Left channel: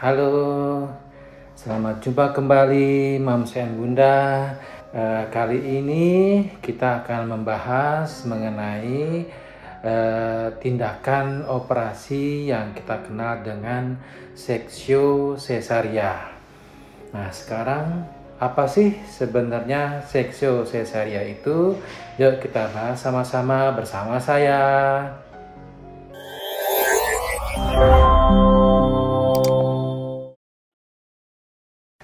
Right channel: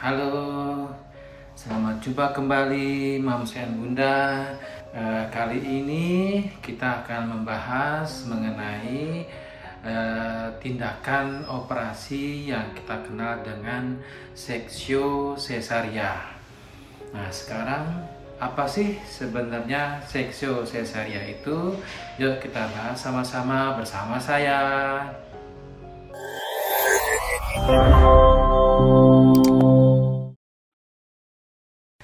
Halo, selamat jumpa kembali Mams and Bunda. Kali ini kita akan membahas mengenai tindakan operasi yang kita kenal dengan seksio cesaria. Nah, sekarang apa sih sebenarnya seksio cesaria itu? Yuk kita bahas sama-sama bersama saya.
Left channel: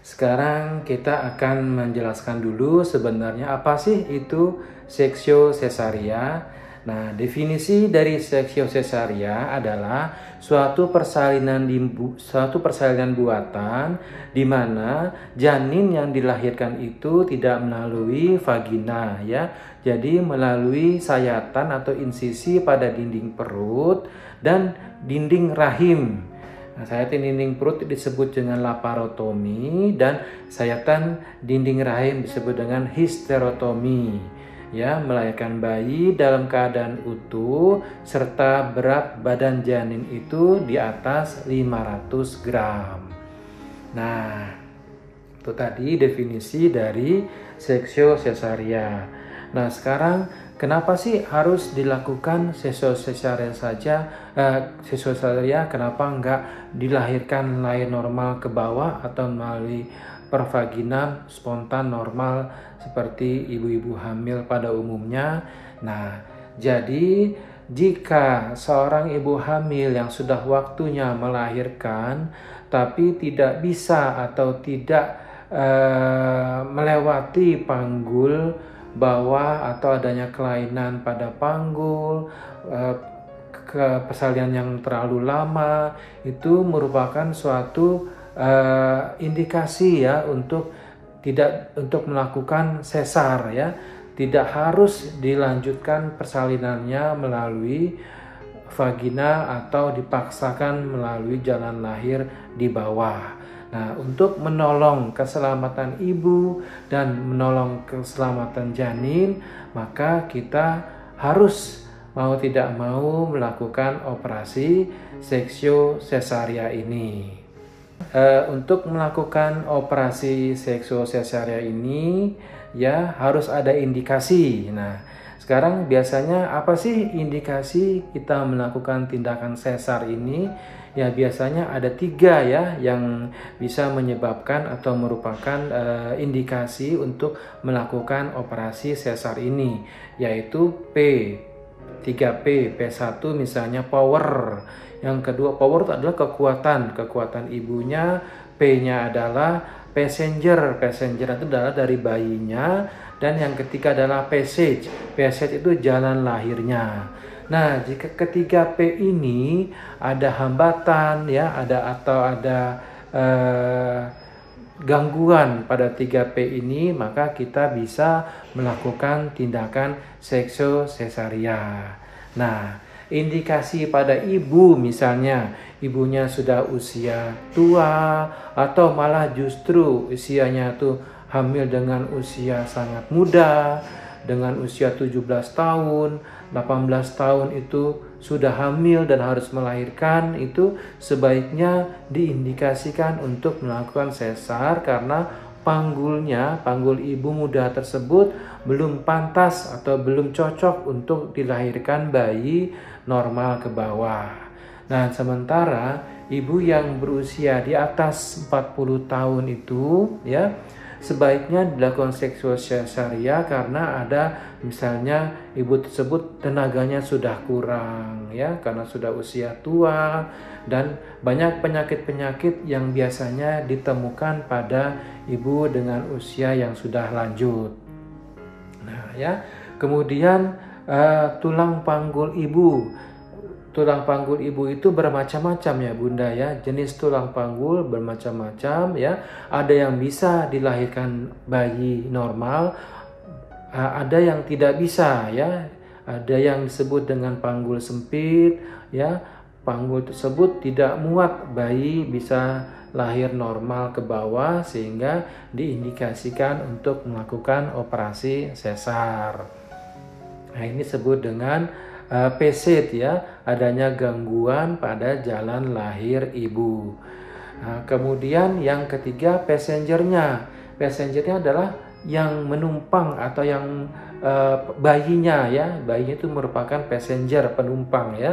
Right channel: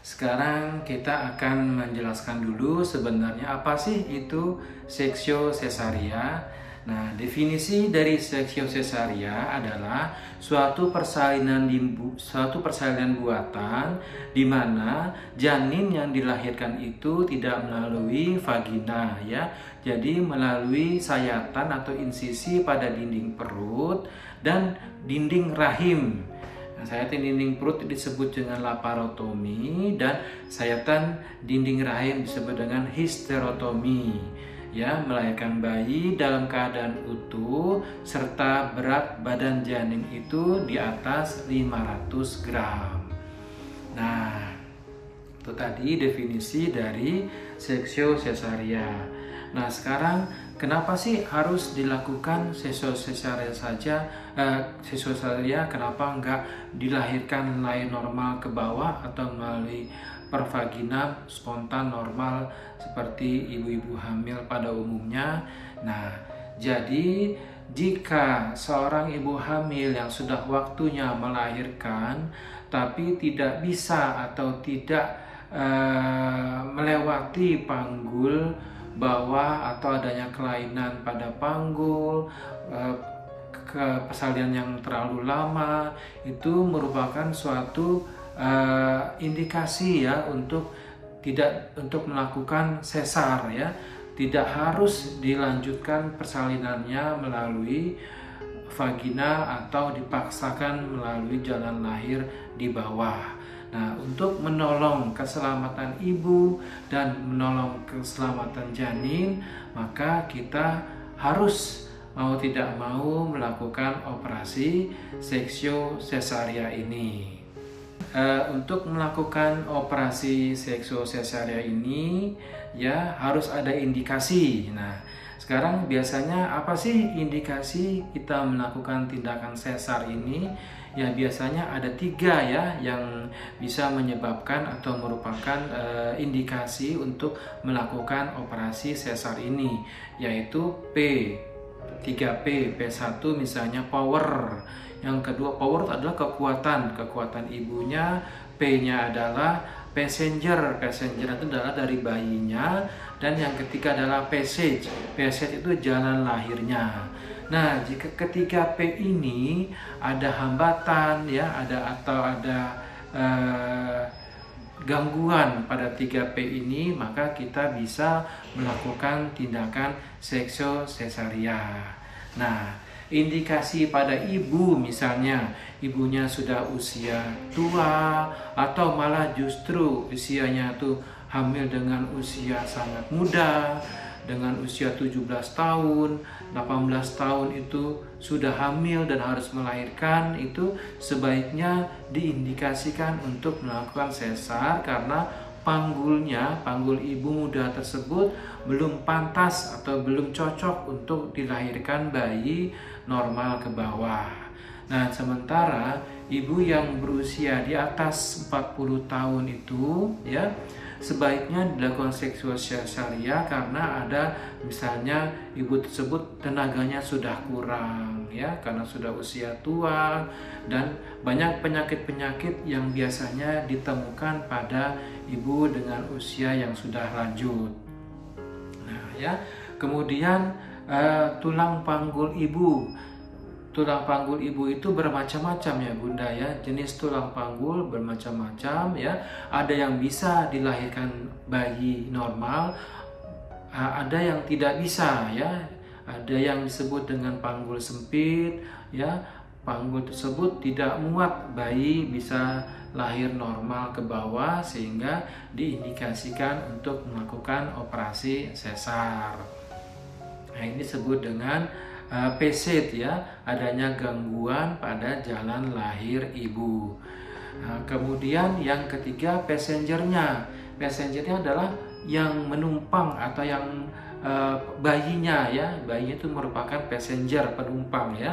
Sekarang kita akan menjelaskan dulu sebenarnya apa sih itu seksio cesaria. Nah, definisi dari seksio cesaria adalah suatu persalinan buatan di mana janin yang dilahirkan itu tidak melalui vagina ya. Jadi melalui sayatan atau insisi pada dinding perut dan dinding rahim. Nah, sayatan dinding perut disebut dengan laparotomi dan sayatan dinding rahim disebut dengan histerotomi. Ya, melahirkan bayi dalam keadaan utuh serta berat badan janin itu di atas 500 gram. Nah, itu tadi definisi dari seksio cesaria. Nah, sekarang kenapa sih harus dilakukan seksio cesaria saja? Seksio cesaria kenapa enggak dilahirkan lahir normal ke bawah atau melalui pervagina spontan normal seperti ibu-ibu hamil pada umumnya? Nah, jadi jika seorang ibu hamil yang sudah waktunya melahirkan tapi tidak bisa atau tidak melewati panggul bawah atau adanya kelainan pada panggul, persalinan yang terlalu lama, itu merupakan suatu indikasi ya untuk melakukan sesar ya. Tidak harus dilanjutkan persalinannya melalui vagina atau dipaksakan melalui jalan lahir di bawah. Nah, untuk menolong keselamatan ibu dan menolong keselamatan janin, maka kita harus mau tidak mau melakukan operasi seksio cesaria ini. Untuk melakukan operasi seksio cesaria ini ya harus ada indikasi. Nah, sekarang biasanya apa sih indikasi kita melakukan tindakan sesar ini? Ya biasanya ada 3 ya yang bisa menyebabkan atau merupakan indikasi untuk melakukan operasi sesar ini, yaitu 3P. P1 misalnya power. Yang kedua power itu adalah kekuatan ibunya. P-nya adalah passenger itu adalah dari bayinya, dan yang ketiga adalah passage itu jalan lahirnya. Nah, jika ketiga P ini ada hambatan ya, ada gangguan pada 3P ini, maka kita bisa melakukan tindakan seksio cesaria. Nah, indikasi pada ibu misalnya ibunya sudah usia tua atau malah justru usianya tuh hamil dengan usia sangat muda, dengan usia 17 tahun, 18 tahun itu sudah hamil dan harus melahirkan, itu sebaiknya diindikasikan untuk melakukan sesar karena panggul ibu muda tersebut belum pantas atau belum cocok untuk dilahirkan bayi normal ke bawah. Nah, sementara ibu yang berusia di atas 40 tahun itu ya sebaiknya dilakukan seksio cesaria karena ada misalnya ibu tersebut tenaganya sudah kurang ya karena sudah usia tua dan banyak penyakit-penyakit yang biasanya ditemukan pada ibu dengan usia yang sudah lanjut. Nah, ya, kemudian tulang panggul ibu. Tulang panggul ibu itu bermacam-macam ya Bunda ya. Jenis tulang panggul bermacam-macam ya. Ada yang bisa dilahirkan bayi normal, ada yang tidak bisa ya. Ada yang disebut dengan panggul sempit ya. Panggul tersebut tidak muat bayi bisa lahir normal ke bawah sehingga diindikasikan untuk melakukan operasi sesar. Nah, ini disebut dengan PSID ya, adanya gangguan pada jalan lahir ibu. Nah, kemudian yang ketiga passengernya. Passengernya adalah yang menumpang atau yang bayinya ya. Bayinya itu merupakan passenger, penumpang ya.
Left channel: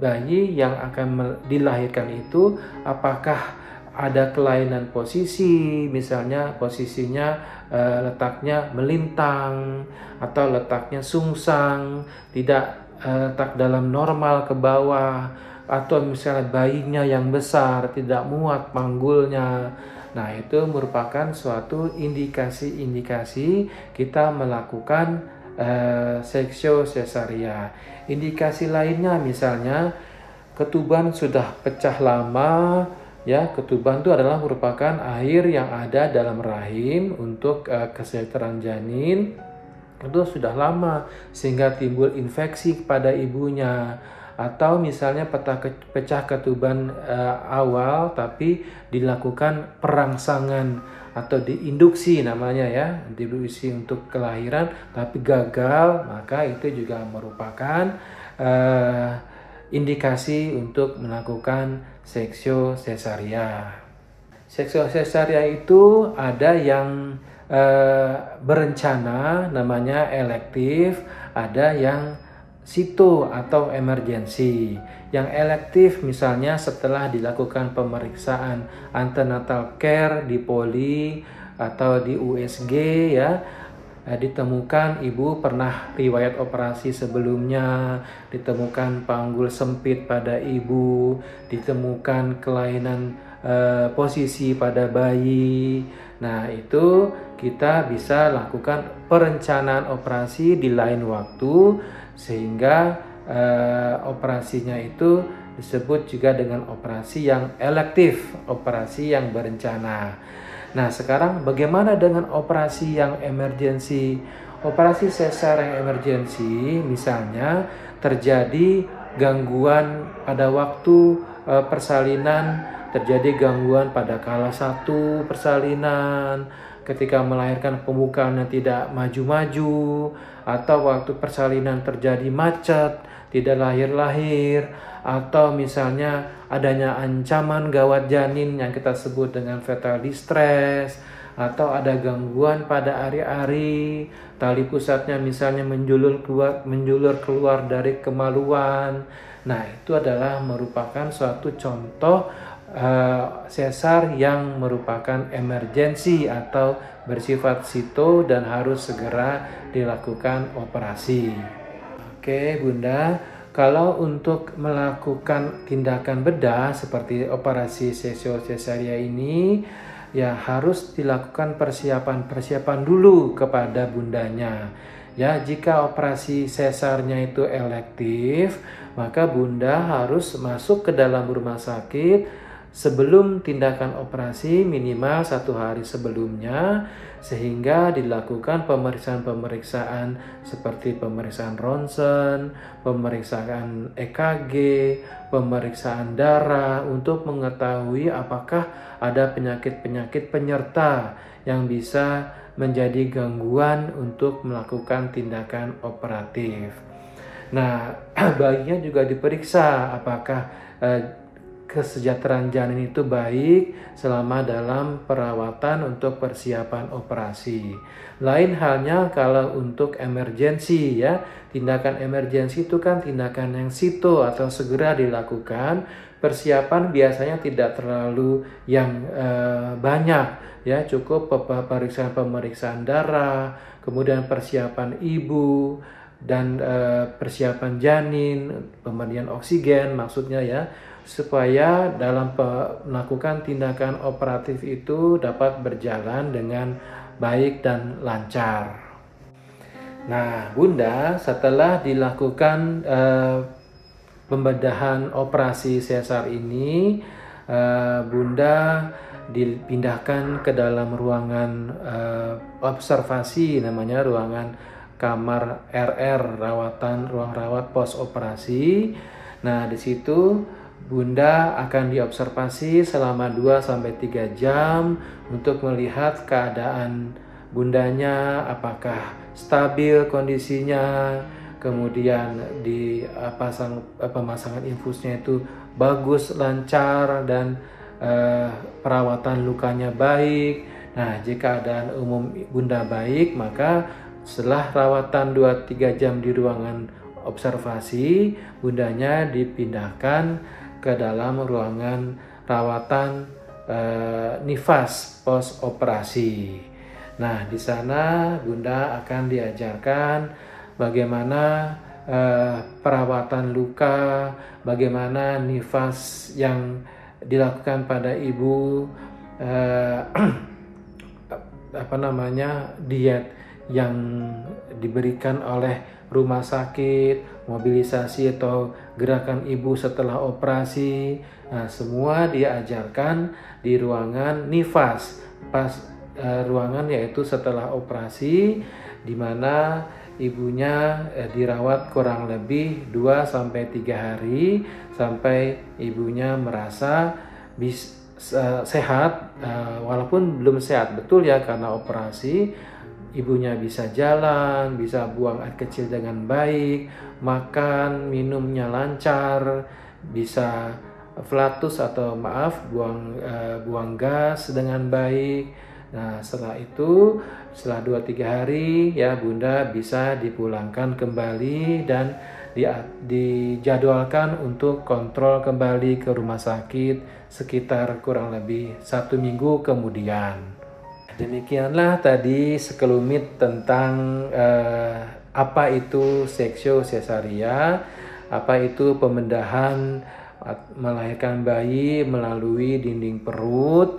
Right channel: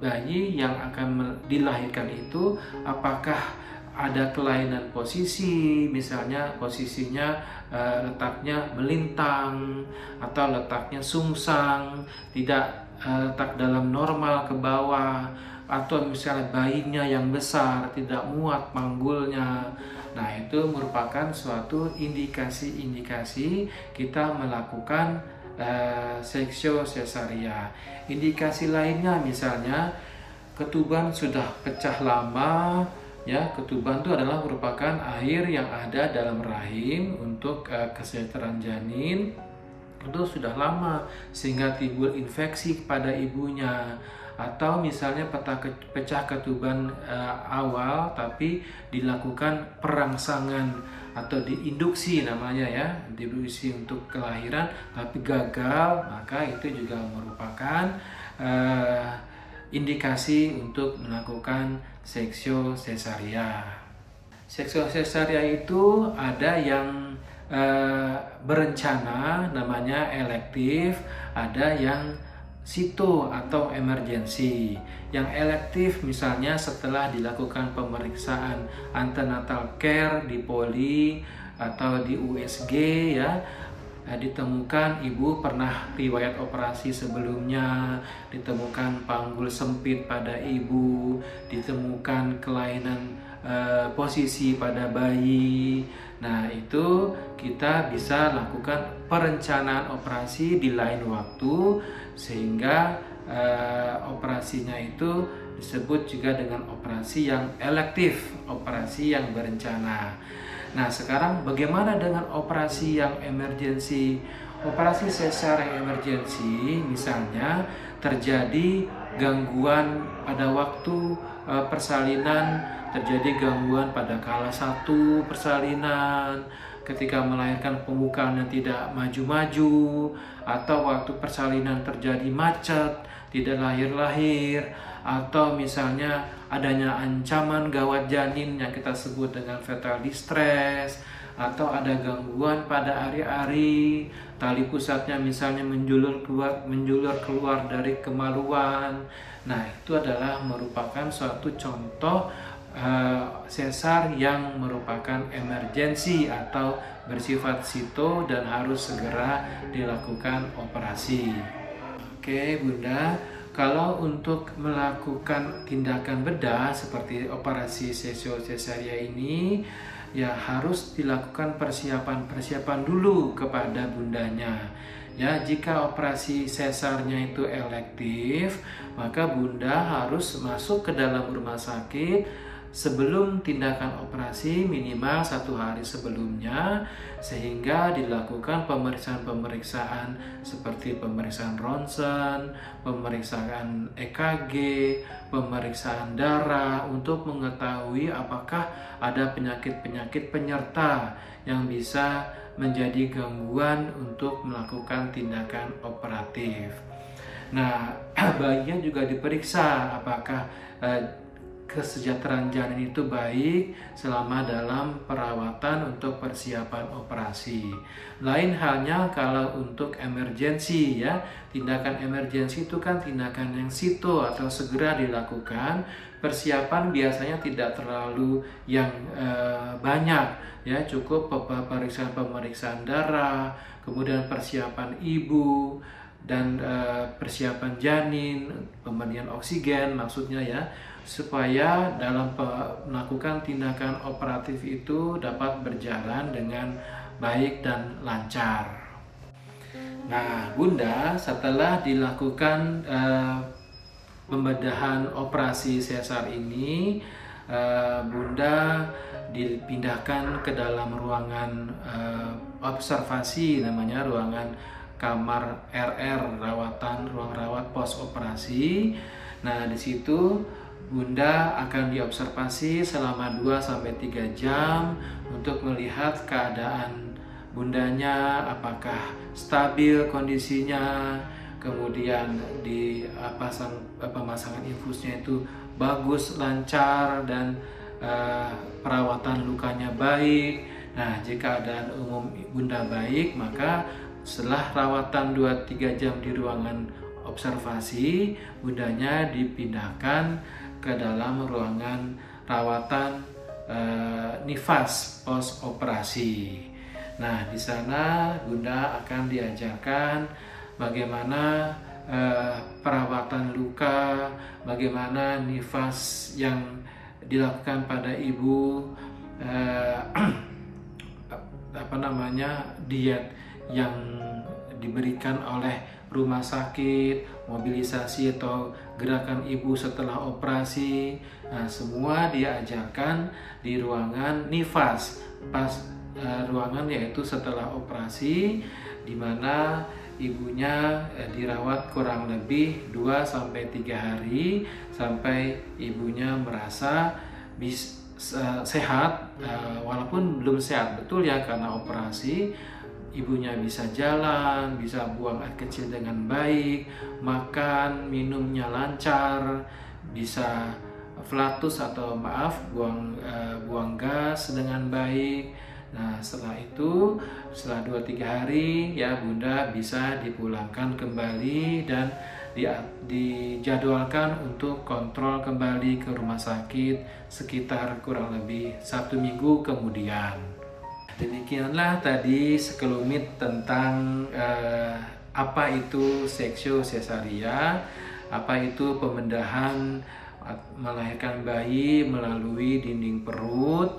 Bayi yang akan dilahirkan itu apakah ada kelainan posisi, misalnya posisinya letaknya melintang atau letaknya sungsang, tidak letak dalam normal ke bawah, atau misalnya bayinya yang besar tidak muat panggulnya. Nah, itu merupakan suatu indikasi-indikasi kita melakukan seksio sesaria. Indikasi lainnya misalnya ketuban sudah pecah lama. Ya, ketuban itu adalah merupakan air yang ada dalam rahim untuk kesejahteraan janin. Itu sudah lama sehingga timbul infeksi pada ibunya, atau misalnya pecah ketuban awal tapi dilakukan perangsangan atau diinduksi namanya ya, diinduksi untuk kelahiran tapi gagal, maka itu juga merupakan indikasi untuk melakukan seksio sesaria. Seksio sesaria itu ada yang berencana namanya elektif, ada yang sito atau emergensi. Yang elektif misalnya setelah dilakukan pemeriksaan antenatal care di poli atau di USG ya, ditemukan ibu pernah riwayat operasi sebelumnya, ditemukan panggul sempit pada ibu, ditemukan kelainan posisi pada bayi. Nah, itu kita bisa lakukan perencanaan operasi di lain waktu sehingga operasinya itu disebut juga dengan operasi yang elektif, operasi yang berencana. Nah, sekarang bagaimana dengan operasi yang emergensi? Operasi sesar yang emergensi misalnya terjadi gangguan pada waktu persalinan, terjadi gangguan pada kala 1 persalinan, ketika melahirkan pembukaan yang tidak maju-maju, atau waktu persalinan terjadi macet, tidak lahir-lahir, atau misalnya adanya ancaman gawat janin yang kita sebut dengan fetal distress, atau ada gangguan pada ari-ari, tali pusatnya misalnya menjulur keluar dari kemaluan. Nah, itu adalah merupakan suatu contoh sesar yang merupakan emergensi atau bersifat sito dan harus segera dilakukan operasi. Oke, Bunda, kalau untuk melakukan tindakan bedah seperti operasi seksio sesaria ini, ya harus dilakukan persiapan dulu kepada bundanya. Ya, jika operasi sesarnya itu elektif, maka bunda harus masuk ke dalam rumah sakit sebelum tindakan operasi minimal 1 hari sebelumnya, sehingga dilakukan pemeriksaan-pemeriksaan seperti pemeriksaan ronsen, pemeriksaan EKG, pemeriksaan darah untuk mengetahui apakah ada penyakit-penyakit penyerta yang bisa menjadi gangguan untuk melakukan tindakan operatif. Nah, bayinya juga diperiksa apakah kesejahteraan janin itu baik selama dalam perawatan untuk persiapan operasi. Lain halnya kalau untuk emergensi ya, tindakan emergensi itu kan tindakan yang sito atau segera dilakukan. Persiapan biasanya tidak terlalu yang banyak ya, cukup pemeriksaan darah, kemudian persiapan ibu dan persiapan janin, pemberian oksigen maksudnya ya, supaya dalam melakukan tindakan operatif itu dapat berjalan dengan baik dan lancar. Nah, Bunda, setelah dilakukan pembedahan operasi sesar ini, Bunda dipindahkan ke dalam ruangan observasi, namanya ruangan kamar RR, ruang rawat pos operasi. Nah, di situ Bunda akan diobservasi selama 2-3 jam untuk melihat keadaan bundanya, apakah stabil kondisinya, kemudian pemasangan infusnya itu bagus, lancar, dan perawatan lukanya baik. Nah, jika keadaan umum Bunda baik, maka setelah rawatan 2-3 jam di ruangan observasi, Bundanya dipindahkan ke dalam ruangan rawatan nifas pos operasi. Nah, di sana Bunda akan diajarkan bagaimana perawatan luka, bagaimana nifas yang dilakukan pada ibu, diet yang diberikan oleh rumah sakit, mobilisasi atau gerakan ibu setelah operasi. Nah, semua diajarkan di ruangan nifas ruangan yaitu setelah operasi, di mana ibunya dirawat kurang lebih 2-3 hari sampai ibunya merasa sehat, walaupun belum sehat betul ya karena operasi. Ibunya bisa jalan, bisa buang air kecil dengan baik, makan, minumnya lancar, bisa flatus atau buang gas dengan baik. Nah, setelah itu, setelah 2-3 hari ya Bunda bisa dipulangkan kembali dan dijadwalkan untuk kontrol kembali ke rumah sakit sekitar kurang lebih 1 minggu kemudian. Demikianlah tadi sekelumit tentang apa itu seksio sesaria, apa itu pembedahan melahirkan bayi melalui dinding perut.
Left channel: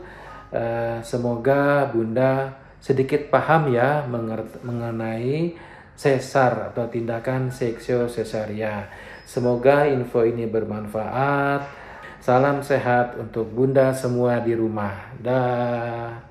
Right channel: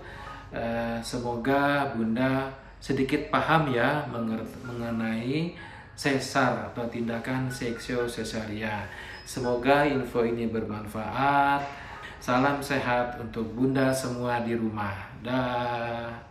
Semoga Bunda sedikit paham ya mengenai sesar atau tindakan seksio sesaria. Semoga info ini bermanfaat. Salam sehat untuk Bunda semua di rumah. Dah.